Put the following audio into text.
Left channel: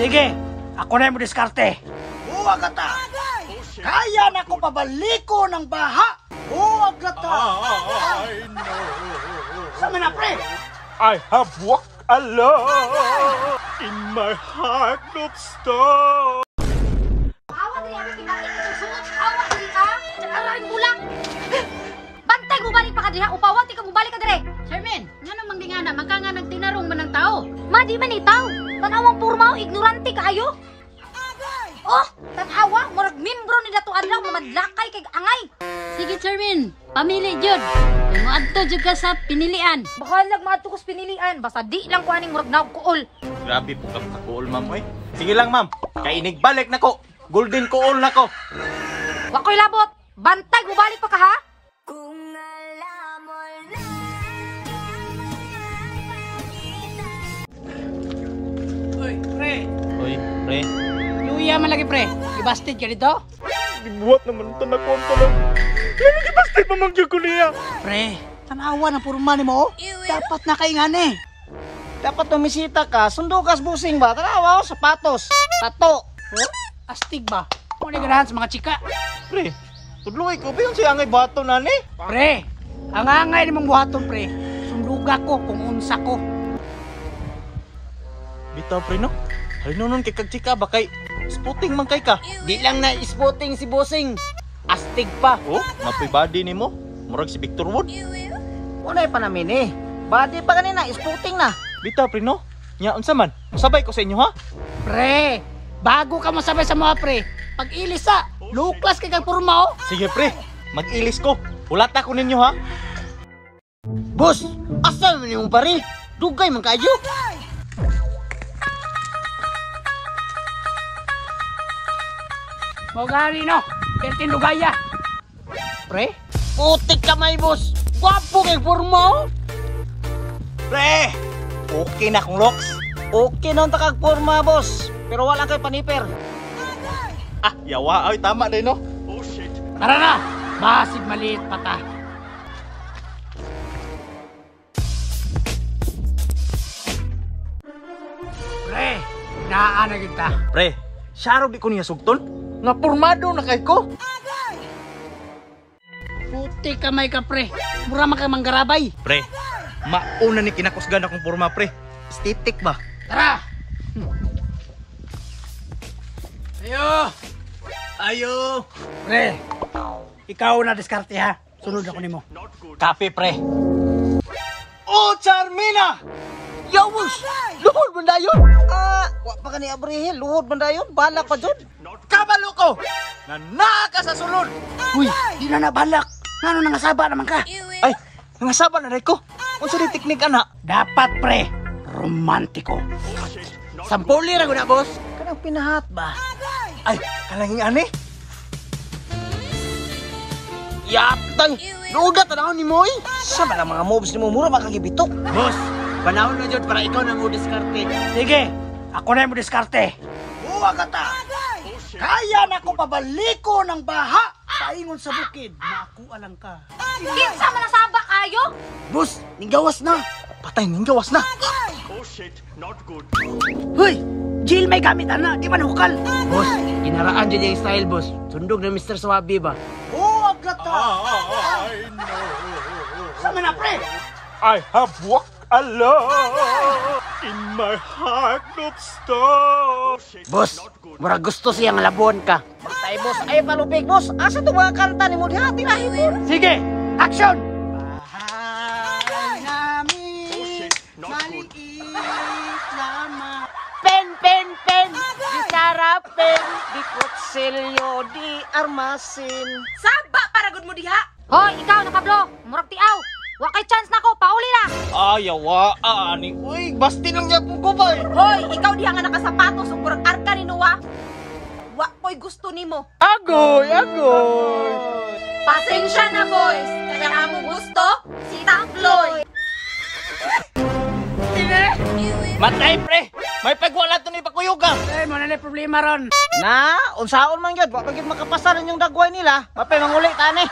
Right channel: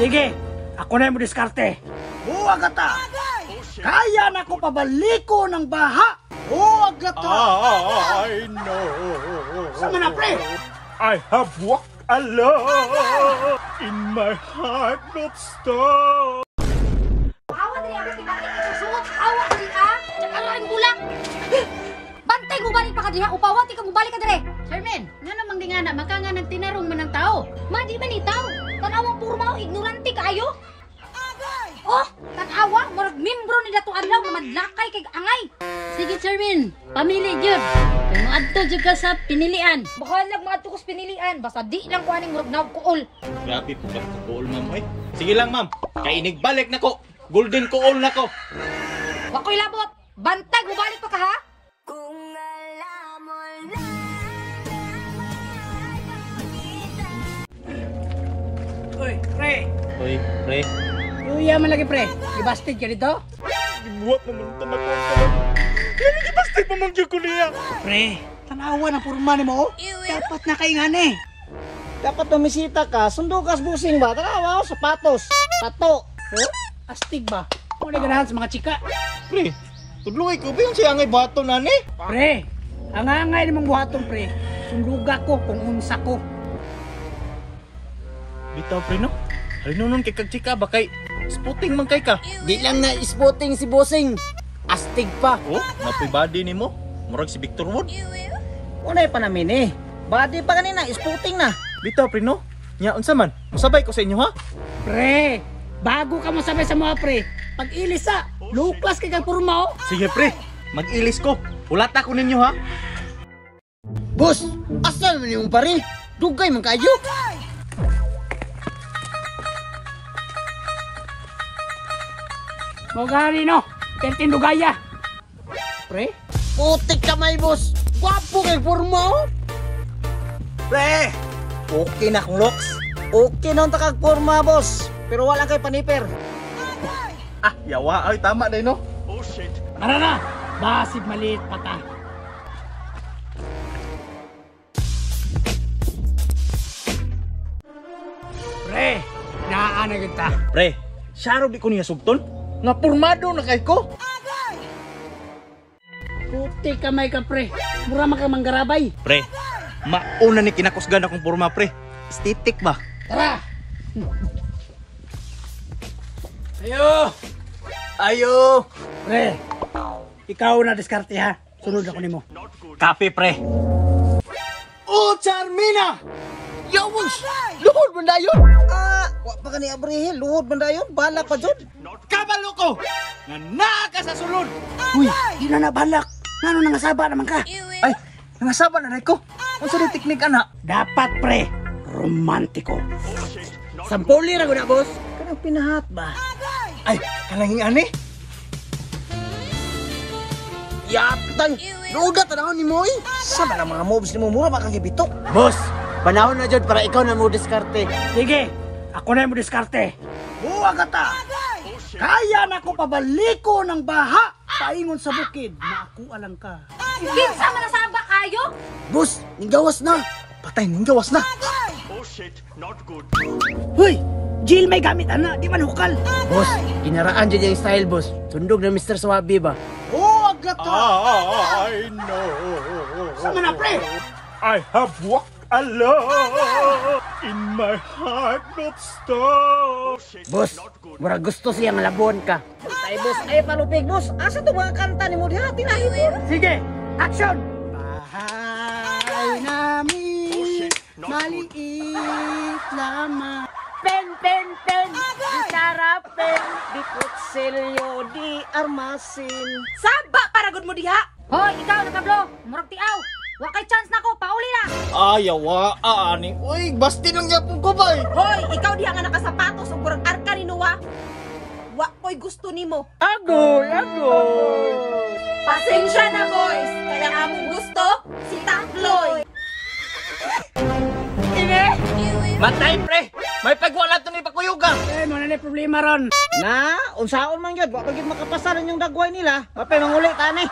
Sige, ako na yung diskarte. Huwag ta. Kaya na ko pabaliko ng baha. Huwag ta. I know. Sama na, pre. I have walked alone in my heart of stone. Awa diri ang kinain isusuot. Awa diri ah. Nagararing bulang. Bantay mo balik pa ka diri. Upawan ti ka mo balik ka diri. Sherman, nga namang di nga na maka nga nagtinarong man ng tao. Ma di man itaw. Tanawang purma ignorante kaayo. Oh, tanawa murag membro ni dato adlaw nga madlakay kay angay. Sige Sherman, pamili jud. Kung moadto jud ka sa pinilian. Bahalag maadto ko sa pinilian basta di lang ko aning murag naugkuol. Grabe po ka kuol, ma'am. Oy. Sige lang, ma'am. Kay inigbalik na ko. Golden kuol na ko. Wakoy labot. Bantay mo balik pa ka ha? Uy, pre. Oy, pre. Yuya man lagi, pre. Ibasted ka dito? Gibuhat naman ito na konto lang. Yan lagi basta pamangyo ko niya. Pre, tanawa ng purma ni mo. Dapat na kaingan eh. Dapat tumisita ka, sundo ka sa busing ba? Tanawa, sapatos, tato. Astig ba? Muna ganahan sa mga chika. Pre, tudloy ko ba yung si Angay Bato na ni? Pre, ang angay ni mong buhaton, pre. Sunduga ko kung unsa ko. Bitaw, pre, no? Halinunong kay kagchika ba kay spotting man kay ka? Di lang na spotting si busing. Astig pa. Oh, mapibody ni mo. Murag si Victor Wood. Unay pa namin eh. Body pa kanina, spotting na. Bitaw, pre, no? Nya, unsa man? Masabay ko sa inyo, ha? Pre, bago ka masabay sa mga pre, pag ilis sa, low class kay kag purma oh. Sige, pre. Mag-ilis ko. Ulata ko ninyo, ha? Boss, asal mo yung pare? Dugay man kayo. Mo gani no, kertin dugaya. Pre, putik kamay boss. Gwapo kay forma oh. Pre! Okay na kong looks. Okay na ang takag forma boss. Pero wala kay paniper. Ah, yawa. Ay, tama din, no? Oh, shit. Tara na, basig maliit pa ta. Pre, naana kita. Pre, saro di ko niya sugton? Nga pormado na kay ko? Puti kamay ka pre, mura man ka manggarabay. Pre, mauna ni kinakusgan akong porma, pre. Estetik ba? Tara! Ayo! Ayo! Pre, ikaw na diskarte ha. Sunod ako nimo. Kape, pre. Oh, Charmina! Yawus! Luhod man dayon! Wa pa ka ni Abrihil, luhod man dayon, balak pa dyan. Kabalo ko! Nanaka sa sulod! Uy, di na nabalak. Nano nangasaba naman ka? Ay, nangasaba na rin ko. Kung sa di teknik, ana? Dapat pre, romantiko. Sampuli ra na boss. Kanang pinahat ba? Ay, kalanging ani? Yaptay! Luda tanahon ni mo eh! Saan na mga moves ni mo? Mura makagibito. Boss, Panahon na dyan para ikaw na mo diskarte. sige, ako na yung diskarte. Huwag ta. Kaya na ko pabaliko ng baha. Paingon sa bukid, maakuha lang ka. Kinsa man nasaba kayo? Boss, ninggawas na! Patay, ninggawas na. Hoy, Jill may gamit ana, di man hukal. Boss, kinaraan dyan yung style boss. Sundog na Mr. Swabi ba? Huwag ta. I know. Sama na pre. I have walked alone in my heart of stone. Boss, mura gusto siyang labon ka. Ay boss, ay palupig boss. Asa to mga kanta ni mo dihati na? Sige, action! Bahay namin, maliit lamang. Pen, pen, pen, di sarapin, di kutsilyo, di armasin. Saba para gud mo diha. Hoy, ikaw na Pablo, murag tiaw. Wa kay chance nako, pauli na. Ayawa, ani. Uy, basti lang niya po ko ba? Hoy, ikaw diha nga nakasapatos ug murag arka ni Noah. Wa ko'y gusto nimo. Agoy, agoy. Pasensya na boys, kaya ang among gusto si Takloy. Matay, pre. May pagwala to ni Pakuyuga. Eh, mo na na problema ron. Na, unsaon man yun. Wapag yung makapasaran yung dagway nila. Mapay manguli tani.